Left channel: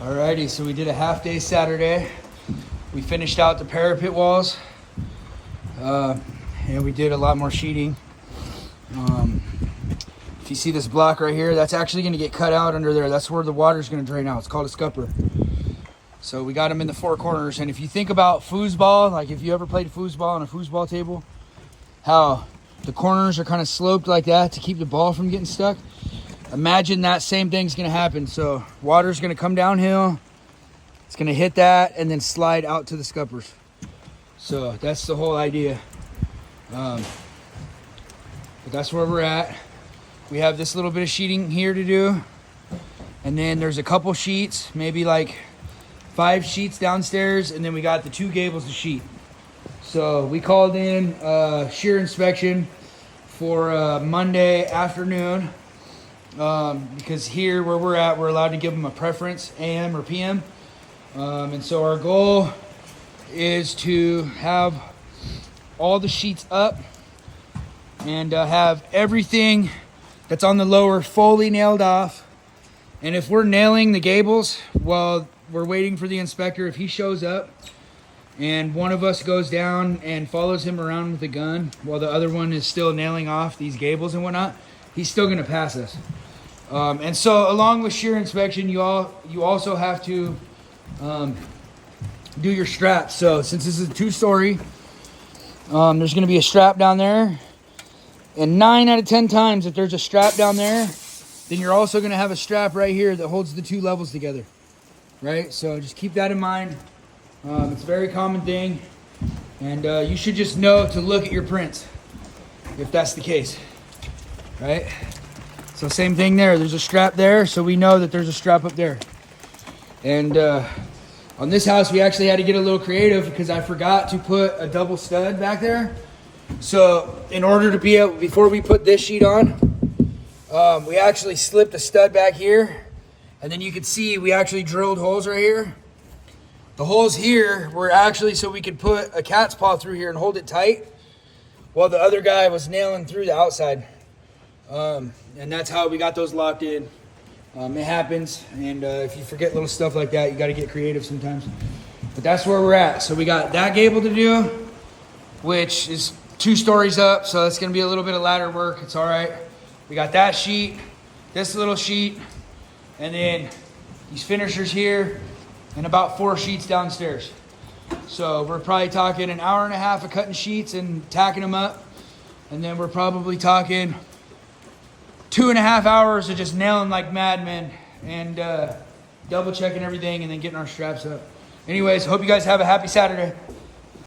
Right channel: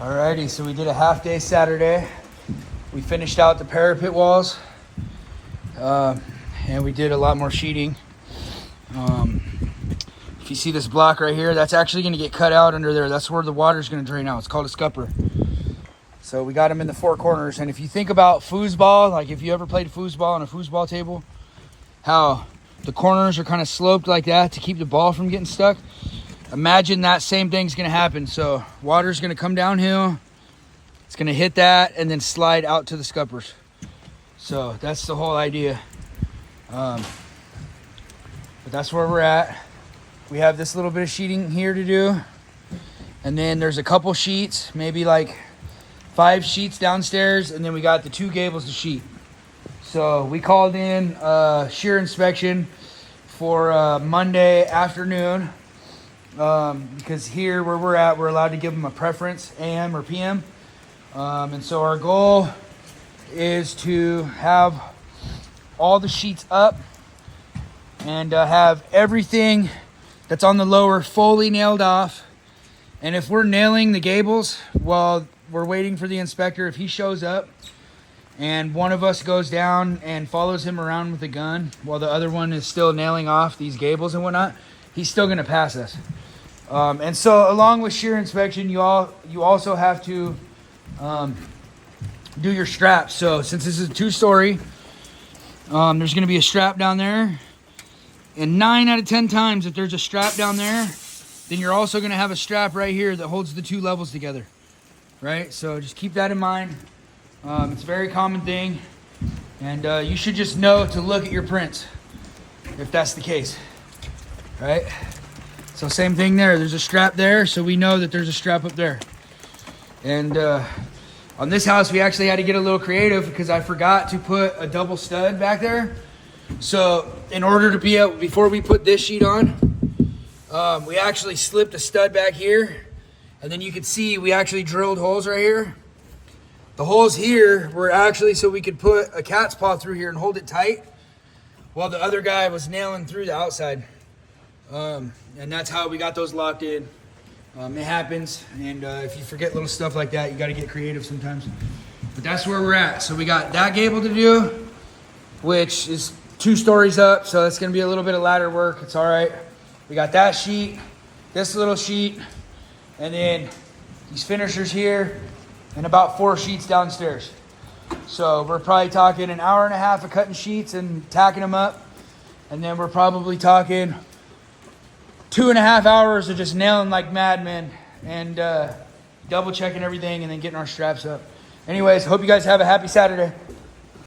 Alrighty, so we did a half day Saturday. We finished out the parapet walls, and we did a lot more sheeting. If you see this block right here, that's actually going to get cut out under there. That's where the water's going to drain out. It's called a scupper. So we got them in the four corners. And if you think about foosball, like if you ever played foosball on a foosball table, how the corners are kind of sloped like that to keep the ball from getting stuck. Imagine that same thing's going to happen. So water's going to come downhill. It's going to hit that and then slide out to the scuppers. So that's the whole idea. But that's where we're at. We have this little bit of sheeting here to do. And then there's a couple sheets, maybe like 5 sheets downstairs. And then we got the 2 gables to sheet. So we called in shear inspection for Monday afternoon. Because here where we're at, we're allowed to give them a preference, AM or PM. And so our goal is to have all the sheets up and have everything that's on the lower fully nailed off. And if we're nailing the gables while we're waiting for the inspector, if he shows up and one of us goes down and follows him around with a gun while the other one is still nailing off these gables and whatnot, he's still gonna pass us. And so along with shear inspection, you also have to do your straps. So since this is a 2-story, there's gonna be a strap down there. And 9 out of 10 times, if there's a strap down there, then you're also gonna have a strap right here that holds the 2 levels together, right? So just keep that in mind. It's a very common thing. And you should just know to look at your prints if that's the case, right? So same thing there, there's a strap there, so we know that there's a strap up there. And on this house, we actually had to get a little creative because I forgot to put a double stud back there. So in order to be able, before we put this sheet on, we actually slipped a stud back here. And then you can see we actually drilled holes right here. The holes here were actually so we could put a cat's paw through here and hold it tight while the other guy was nailing through the outside. And that's how we got those locked in. It happens, and if you forget little stuff like that, you got to get creative sometimes. But that's where we're at. So we got that gable to do, which is 2 stories up, so it's going to be a little bit of ladder work. It's all right. We got that sheet, this little sheet, and then these finishers here, and about 4 sheets downstairs. So we're probably talking an hour and a half of cutting sheets and tacking them up, and then we're probably talking 2.5 hours of just nailing like madmen and double checking everything and then getting our straps up. Anyways, hope you guys have a happy Saturday.